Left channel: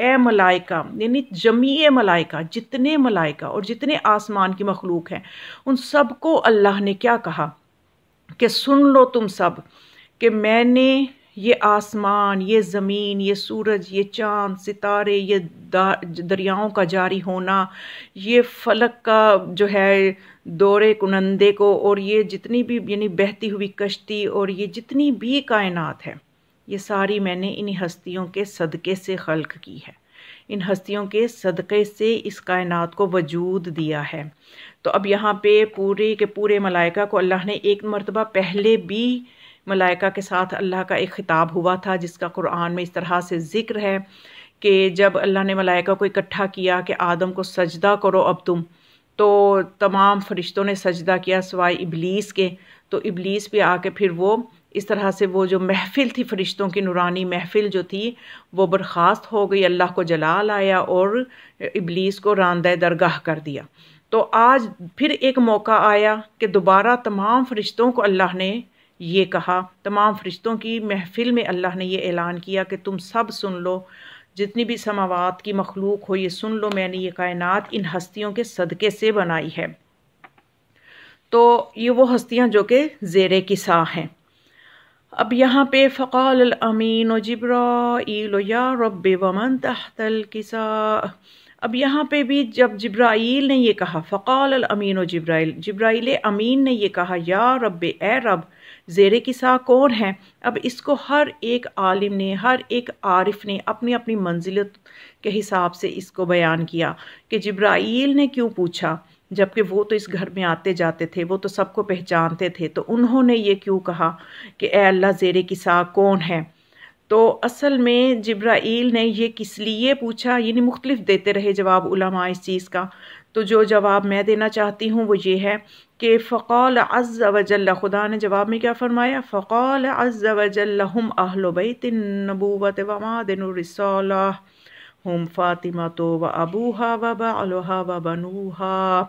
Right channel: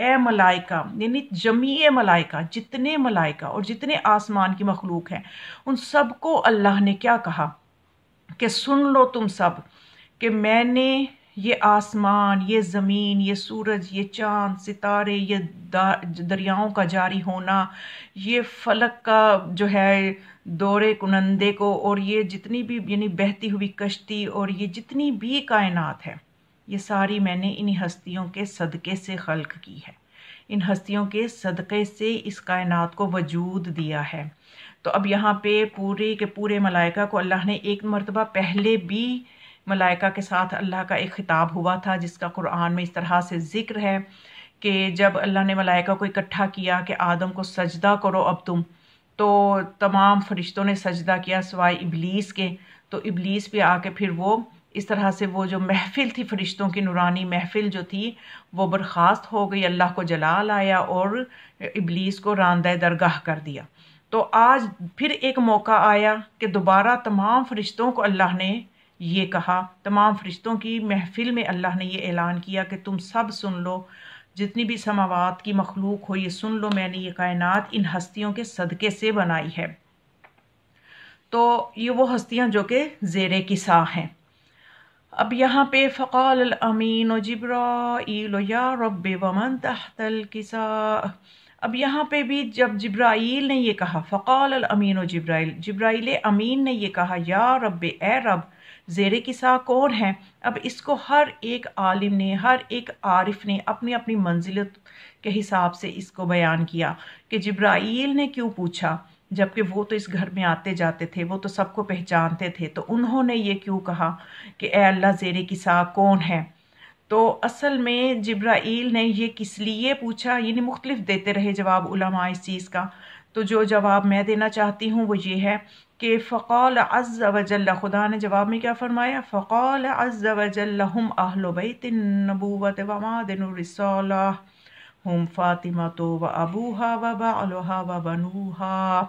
اے ملائکہ، یعنی جمیع ملائکہ، جتنے ملائکہ اور جتنے آسمان کی مخلوق ہیں، ان سب کو اللہ نے کیا کہا کہ سن لو تم سب کہ میں نے یہ آسمان، یہ زمین، یہ سورج، یہ چاند، ستارے، یہ دریاؤں کا جاری ہونا، یہ فلک کا جو ہے دورے کنندے کو، اور یہ جتنی بھی یعنی بہتی ہوئی کشتی، اور یہ جتنی بھی کائنات ہے، یہ ساری میں نے انہی ہستیوں کے صدقے سے خلق کی ہے، ان ہستیوں کے صدقے سے اس کائنات کو وجود دیا ہے۔ تو اب یہاں پہ پورے کے پورے ملائکہ کو اللہ نے ایک مرتبہ پہلے بھی ملائکہ کے ساتھ اللہ کا ایک خطاب ہوا تھا، جس کا قرآن میں اس طرح سے ذکر ہے کہ جب اللہ نے ملائکہ کو اکٹھا کیا کہ آدم کو سجدہ کرو اب تم، تو تمام فرشتوں نے سجدہ کیا سوائے ابلیس کے، تو ابلیس بھی آ کے پھر وہ اس طرح سے وہ جو محفل تھی فرشتوں کی نورانی محفل جو تھی وہ برخاست ہو گئی، اللہ کو جلال آیا اور ابلیس کو راندہ درگاہ کر دیا۔ تو آج پھر ایک موقع آیا کہ دوبارہ تمام فرشتوں کو اللہ نے یہ کہا، تمام فرشتوں کی محفل میں اللہ نے یہ اعلان کیا کہ تم سب سن لو، جتنی بھی سماوات کی مخلوق ہو یہ سن لو، میں نے یہ کائنات ان ہستیوں کے صدقے سے بنائی ہے۔ تو یہ وہ ہستیاں جو کہ زیر کسا ہیں۔ اب یہاں پہ فقال الامین جبرائیل یا رب ومن تحت الکساء، اب یہاں پہ بھی جب جبرائیل نے یہ کہا، فقال الامین جبرائیل امین نے یہ کہا، یا رب اے رب، زیر کسا کون ہے؟ اب اس کو ہر ایک عالم نے، ہر ایک عارف نے اپنی اپنی منزلت کے حساب سے اس کو بیان کیا کہ جبرائیل نے کیوں پوچھا، جبکہ وہ تو اس گھر میں آتے جاتے تھے، وہ تو سب کو پہچانتے تھے، تو انہوں نے یہ کیوں کہا کہ اے اللہ زیر کسا کون ہے؟ تو اصل میں جبرائیل نے یہ کس لیے پوچھا، یعنی مختلف دیتے رہے جواب علماء اس چیز کا، تو جو جواب میں دینا چاہتی ہوں وہ یہ ہے کہ فقال عز وجل، خدا نے جواب میں کیا فرمایا، فقال عز وجل ہم اہل بیت النبوۃ ومعدن الرسالہ ہم فاطمۃ و ابوہا و بعلہا و بنوہا۔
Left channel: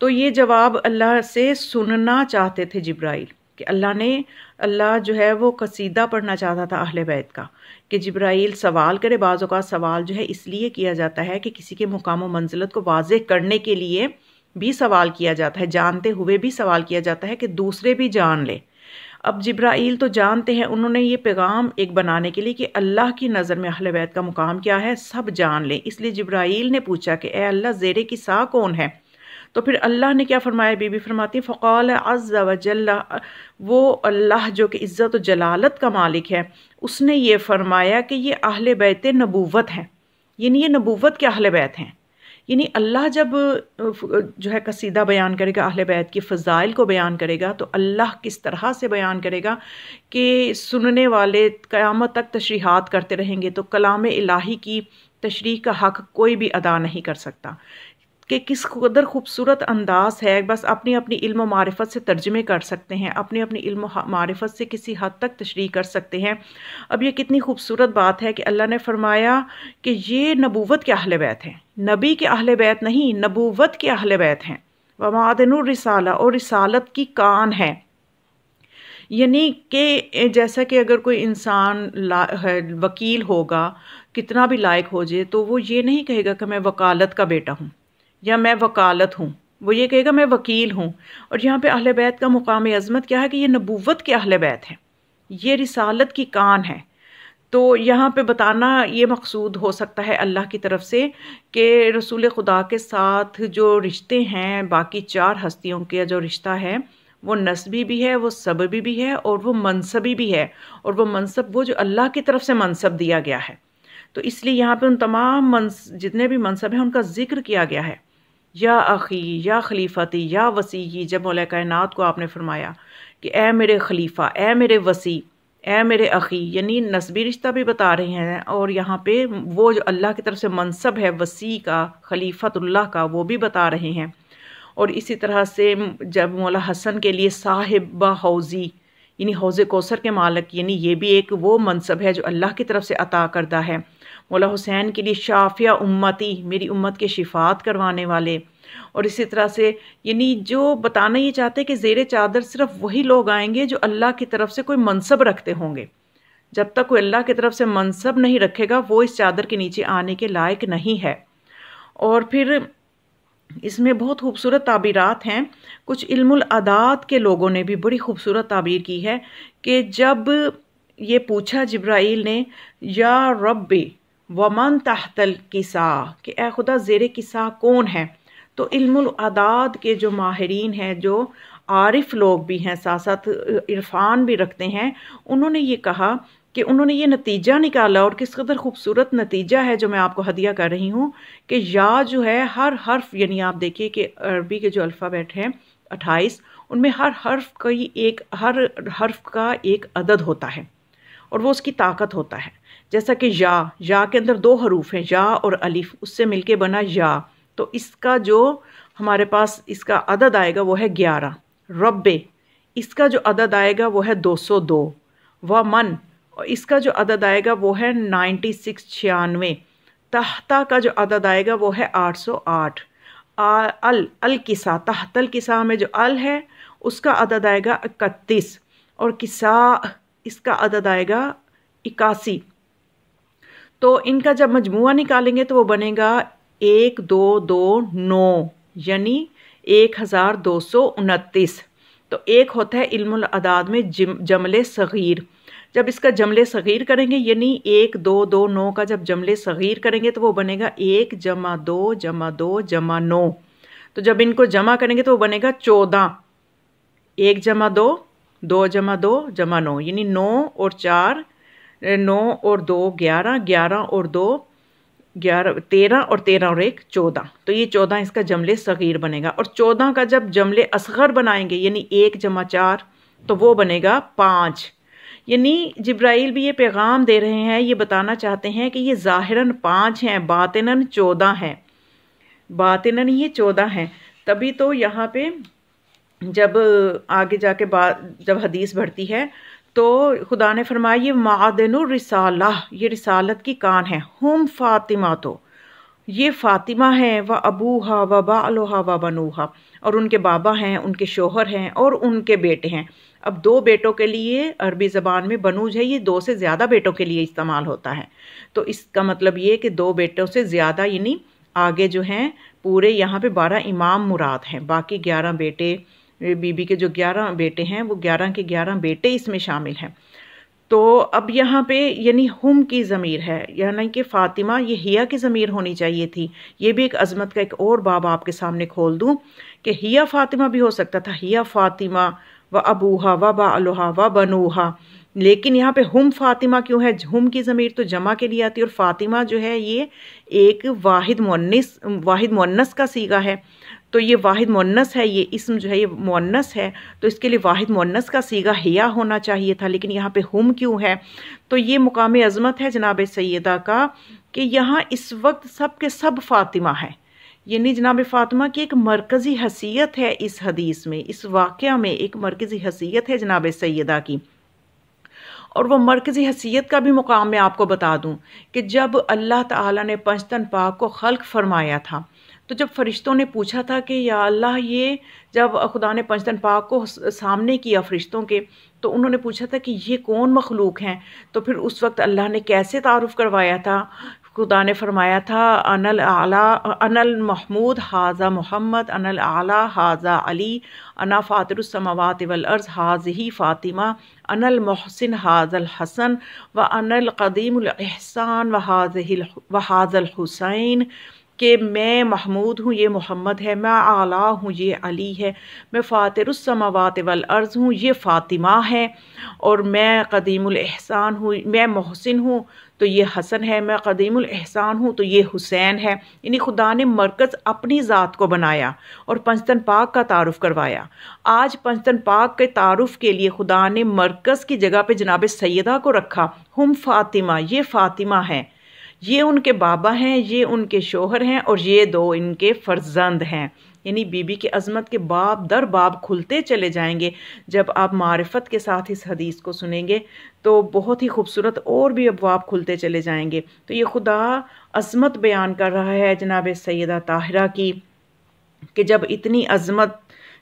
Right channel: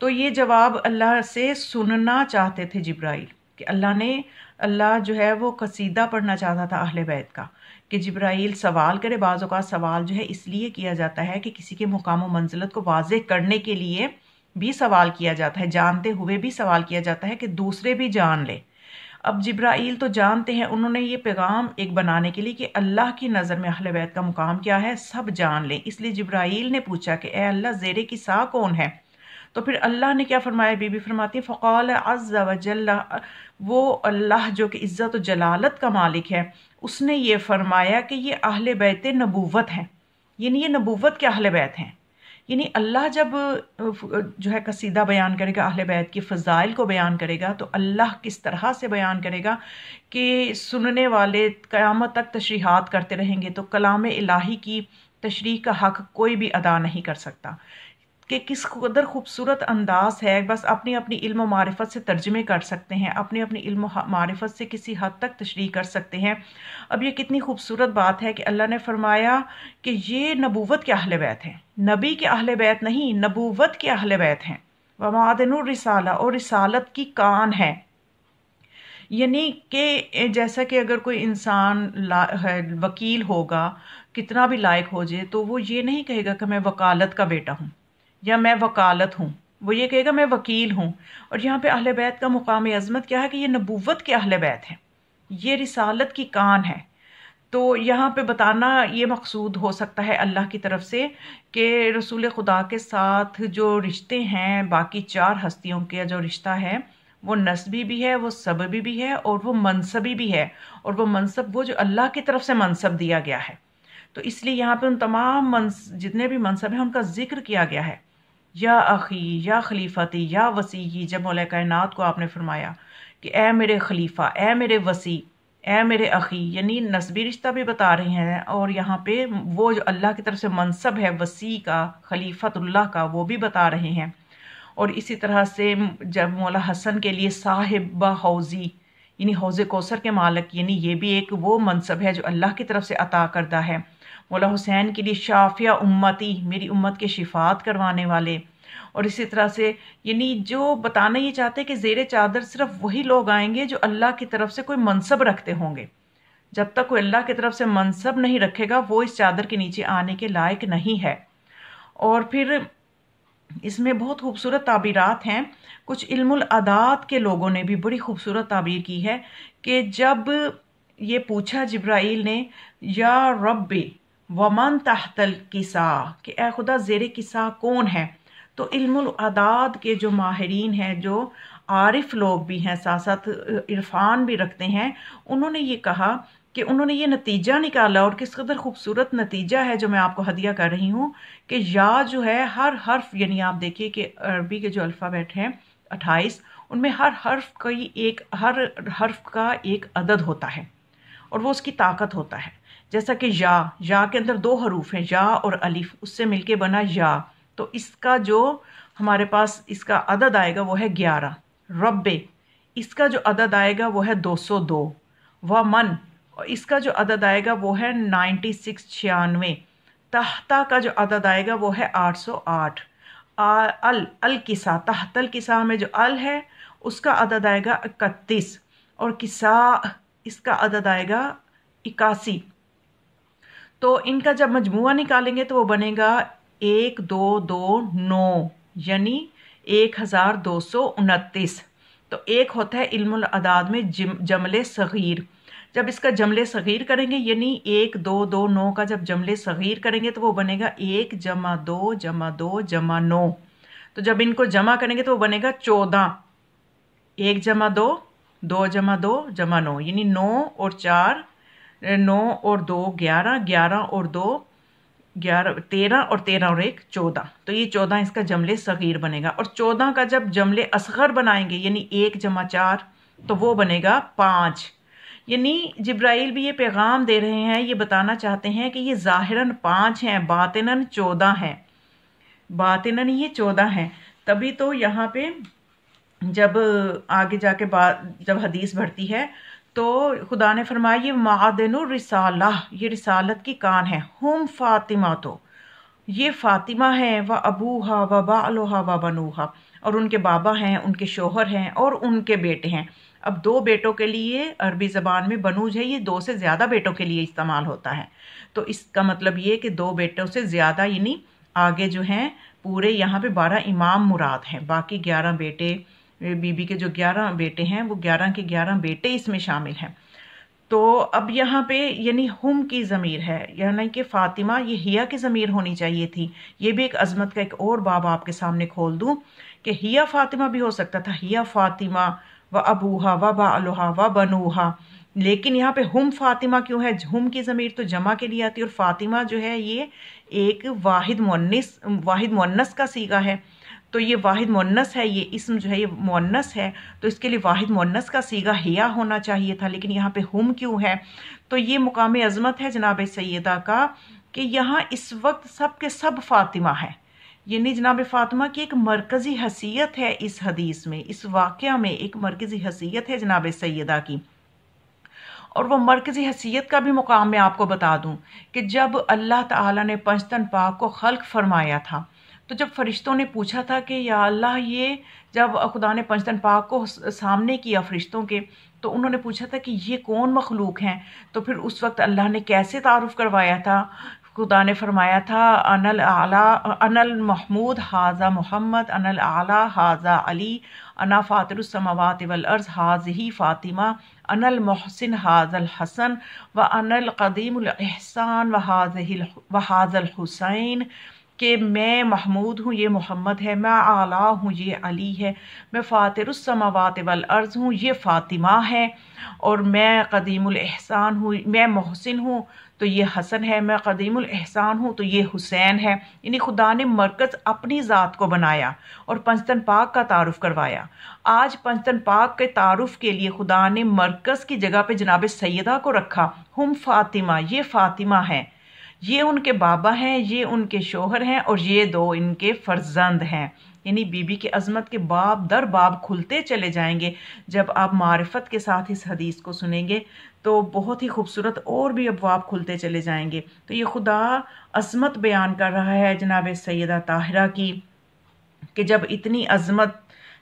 تو یہ جواب اللہ سے سننا چاہتے تھے جبرائیل، کہ اللہ جو ہے وہ قصیدہ پڑھنا چاہتا تھا اہل بیت کا، کہ جبرائیل سوال کرے۔ بعض اوقات سوال جو ہے اس لیے کیا جاتا ہے کہ کسی کے مقام و منزلت کو واضح کرنے کے لیے بھی سوال کیا جاتا ہے، جانتے ہوئے بھی سوال کیا جاتا ہے کہ دوسرے بھی جان لے۔ اب جبرائیل تو جانتے ہیں، انہوں نے یہ پیغام ایک بنانے کے لیے کہ اللہ کی نظر میں اہل بیت کا مقام کیا ہے سب جان لیں، اس لیے جبرائیل نے پوچھا کہ اے اللہ زیر کسا کون ہے؟ تو پھر اللہ نے کیا فرمایا، بی بی فرماتی ہے فقال عز وجل، وہ اللہ جو کہ عزت و جلالت کا مالک ہے، اس نے یہ فرمایا کہ یہ اہل بیت نبوت ہیں، یعنی یہ نبوت کے اہل بیت ہیں۔ یعنی اللہ جب جو ہے قصیدہ بیان کرے گا، اہل بیت کی فضائل کو بیان کرے گا، تو اللہ کس طرح سے بیان کرے گا کہ سننے والے قیامت تک تشریحات کرتے رہیں گے، تو کلام الہی کی تشریح کا حق کوئی بھی ادا نہیں کر سکتا کہ کس قدر خوبصورت انداز ہے، بس اپنی اپنی علم و معرفت سے ترجمے کر سکتے ہیں، اپنی اپنی علم و معرفت سے کسی حد تک تشریح کر سکتے ہیں۔ اب یہ کتنی خوبصورت بات ہے کہ اللہ نے فرمایا کہ یہ نبوت کے اہل بیت ہیں، نبی کے اہل بیت نہیں، نبوت کے اہل بیت ہیں، ومعدن الرسالہ، اور رسالت کی کان ہے۔ یعنی کہ جیسا کہ اگر کوئی انسان وکیل ہوگا، کتنا بھی لائق ہو جائے، تو وہ یہ نہیں کہے گا کہ میں وکالت کا بیٹا ہوں یا میں وکالت ہوں، وہ یہ کہے گا میں وکیل ہوں۔ اور یہاں پہ اہل بیت کا مقام عظمت کیا ہے کہ یہ نبوت کے اہل بیت ہیں، یہ رسالت کی کان ہے۔ تو یہاں پہ بتانا یہ مقصود ہو سکتا ہے اللہ کی طرف سے کہ رسول خدا کے ساتھ جو رشتے ہیں، باقی چار ہستیوں کے جو رشتہ ہے وہ نسبی بھی ہے، وہ سببی بھی ہے، اور وہ منصبی بھی ہے، اور وہ منصب وہ جو اللہ کی طرف سے منصب دیا گیا ہے۔ تو اس لیے یہاں پہ ان تمام جتنے بھی منصب ہیں ان کا ذکر کیا گیا ہے، یا اخی، یا خلیفتی، یا وسیعی۔ جب مولا کائنات کو آپ نے فرمایا کہ اے میرے خلیفہ، اے میرے وسیع، اے میرے اخی، یعنی نسبی رشتہ بھی بتا رہے ہیں، اور یہاں پہ وہ جو اللہ کی طرف سے منصب ہے وسیع کا، خلیفت اللہ کا، وہ بھی بتا رہے ہیں۔ اور اسی طرح سے جب مولا حسن کے لیے صاحب حوضی، یعنی حوض کوثر کے مالک، یعنی یہ بھی ایک وہ منصب ہے جو اللہ کی طرف سے عطا کردہ ہے۔ مولا حسین کے لیے شافیہ امتی، میری امت کے شفاعت کروانے والے۔ اور اسی طرح سے یعنی جو بتانا یہ چاہتے ہیں کہ زیر چادر صرف وہی لوگ آئیں گے جو اللہ کی طرف سے کوئی منصب رکھتے ہوں گے، جب تک کوئی اللہ کی طرف سے منصب نہیں رکھے گا وہ اس چادر کے نیچے آنے کے لائق نہیں ہے۔ اور پھر اس میں بہت خوبصورت تعبیرات ہیں، کچھ علم العداد کے لوگوں نے بھی بڑی خوبصورت تعبیر کی ہے کہ جب یہ پوچھا جبرائیل نے یا رب ومن تحت الکساء، کہ اے خدا زیر کساء کون ہے، تو علم العداد کے جو ماہرین ہیں، جو عارف لوگ بھی ہیں، ساتھ ساتھ عرفان بھی رکھتے ہیں، انہوں نے یہ کہا کہ انہوں نے یہ نتیجہ نکالا، اور کس قدر خوبصورت نتیجہ ہے جو میں آپ کو ہدیہ کر رہی ہوں، کہ یا جو ہے ہر حرف، یعنی آپ دیکھیے کہ عربی کے جو الفابیٹ ہیں 28، ان میں ہر حرف کا ایک عدد ہوتا ہے اور وہ اس کی طاقت ہوتا ہے۔ جیسا کہ یا کے اندر 2 حروف ہیں، یا اور الف، اس سے مل کے بنا یا، تو اس کا جو ہمارے پاس اس کا عدد آئے گا وہ ہے 11۔ رب، اس کا جو عدد آئے گا وہ ہے 202۔ ومن، اس کا جو عدد آئے گا وہ ہے 96۔ تحتا کا جو عدد آئے گا وہ ہے 808۔ الکسا، تحت الکسا میں جو ال ہے اس کا عدد آئے گا 31، اور کسا اس کا عدد آئے گا 81۔ تو ان کا جب مجموعہ نکالیں گے تو وہ بنے گا 1229، یعنی 1229۔ تو ایک ہوتا ہے علم العداد میں جمل صغیر، جب اس کا جمل صغیر کریں گے یعنی 1229 کا جب جمل صغیر کریں گے تو وہ بنے گا 1 + 2 + 2 + 9۔ تو جب ان کو جمع کریں گے تو وہ بنے گا 14۔ 1 + 2، 2 + 2 = 9، یعنی 9 اور 4، 9 اور 2 11، 11 اور 2 11، 13 اور 13 اور 1 14۔ تو یہ 14 اس کا جمل صغیر بنے گا، اور 14 کا جب جمل اصغر بنائیں گے یعنی 1 + 4 تو وہ بنے گا 5۔ یعنی جبرائیل بھی یہ پیغام دے رہے ہیں، یہ بتانا چاہتے ہیں کہ یہ ظاہراً 5 ہیں، باطناً 14 ہیں، باطناً یہ 14 ہیں۔ تبھی تو یہاں پہ جب آگے جا کے جب حدیث بڑھتی ہے تو خدا نے فرمایا یہ معدن الرسالہ، یہ رسالت کی کان ہے، ہم فاطمہ، تو یہ فاطمہ ہے، و ابوہا و بعلہا و بنوہا، اور ان کے بابا ہیں، ان کے شوہر ہیں اور ان کے بیٹے ہیں۔ اب 2 بیٹوں کے لیے عربی زبان میں بنوج ہے، یہ 2 سے زیادہ بیٹوں کے لیے استعمال ہوتا ہے، تو اس کا مطلب یہ کہ 2 بیٹوں سے زیادہ، یعنی آگے جو ہیں پورے یہاں پہ 12 امام مراد ہیں، باقی 11 بیٹے، بی بی کے جو 11 بیٹے ہیں وہ 11 کے 11 بیٹے اس میں شامل ہیں۔ تو اب یہاں پہ یعنی ہم کی ضمیر ہے، یعنی کہ فاطمہ، یہ ہیا کی ضمیر ہونی چاہیے تھی۔ یہ بھی ایک عظمت کا ایک اور باب آپ کے سامنے کھول دوں کہ ہیا فاطمہ بھی ہو سکتا تھا، ہیا فاطمہ و ابوہا و بعلہا و بنوہا، لیکن یہاں پہ ہم فاطمہ کیوں ہے؟ ہم کی ضمیر تو جمع کے لیے آتی ہے، اور فاطمہ جو ہے یہ ایک واحد مؤنث کا صیغہ ہے، تو یہ واحد مؤنث ہے، یہ اسم جو ہے یہ مؤنث ہے، تو اس کے لیے واحد مؤنث کا صیغہ ہیا ہونا چاہیے تھا، لیکن یہاں پہ ہم کیوں ہے؟ تو یہ مقام عظمت ہے جناب سیدہ کا کہ یہاں اس وقت سب کے سب فاطمہ ہیں، یعنی جناب فاطمہ کی ایک مرکزی حیثیت ہے اس حدیث میں، اس واقعہ میں ایک مرکزی حیثیت ہے جناب سیدہ کی۔ اور وہ مرکزی حیثیت کا بھی مقام میں آپ کو بتا دوں کہ جب اللہ تعالیٰ نے پنجتن پاک کو خلق فرمایا تھا تو جب فرشتوں نے پوچھا تھا کہ یا اللہ، یہ جب خدا نے پنجتن پاک کو سامنے کیا فرشتوں کے، تو انہوں نے پوچھا تھا کہ یہ کون مخلوق ہیں، تو پھر اس وقت اللہ نے کیسے تعارف کروایا تھا؟ خدا نے فرمایا تھا انا المحمود ھذا محمد، انا الاعلی ھذا علی، انا فاطر السماوات والارض ھذہ فاطمہ، انا المحسن ھذا الحسن، وانا القدیم الاحسان وھذا الحسین، کہ میں محمود ہوں، یہ محمد ہے، میں اعلیٰ ہوں، یہ علی ہے، میں فاطر السماوات والارض ہوں، یہ فاطمہ ہے، اور میں قدیم الاحسان ہوں، میں محسن ہوں تو یہ حسن ہے، میں قدیم الاحسان ہوں تو یہ حسین ہے۔ یعنی خدا نے مرکز اپنی ذات کو بنایا اور پنجتن پاک کا تعارف کروایا۔ آج پنجتن پاک کے تعارف کے لیے خدا نے مرکز کی جگہ پہ جناب سیدہ کو رکھا، ہم فاطمہ، یہ فاطمہ ہیں، یہ ان کے بابا ہیں، یہ ان کے شوہر ہیں، اور یہ 2 ان کے فرزند ہیں۔ یعنی بی بی کی عظمت کے باب در باب کھلتے چلے جائیں گے جب آپ معرفت کے ساتھ اس حدیث کو سنیں گے، تو بہت ہی خوبصورت اور بھی ابواب کھلتے چلے جائیں گے۔ تو یہ خدا عظمت بیان کر رہا ہے جناب سیدہ طاہرہ کی کہ جب اتنی عظمت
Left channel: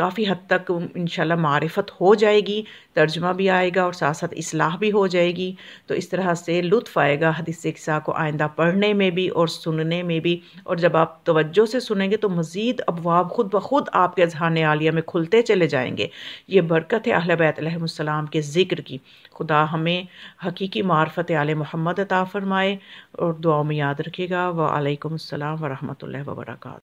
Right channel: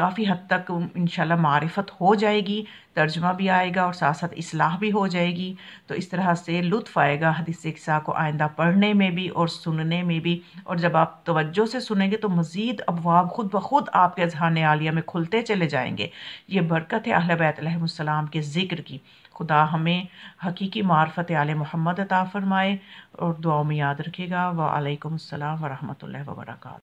کافی حد تک انشاءاللہ معرفت ہو جائے گی، ترجمہ بھی آئے گا اور ساتھ ساتھ اصلاح بھی ہو جائے گی. تو اس طرح سے لطف آئے گا حدیث قصہ کو آئندہ پڑھنے میں بھی اور سننے میں بھی. اور جب آپ توجہ سے سنیں گے تو مزید ابواب خود بخود آپ کے اذہان عالیہ میں کھلتے چلے جائیں گے. یہ برکت ہے اہل بیت علیہم السلام کے ذکر کی. خدا ہمیں حقیقی معرفت آل محمد عطا فرمائے، اور دعاؤں میں یاد رکھے گا. وعلیکم السلام ورحمۃ اللہ وبرکاتہ.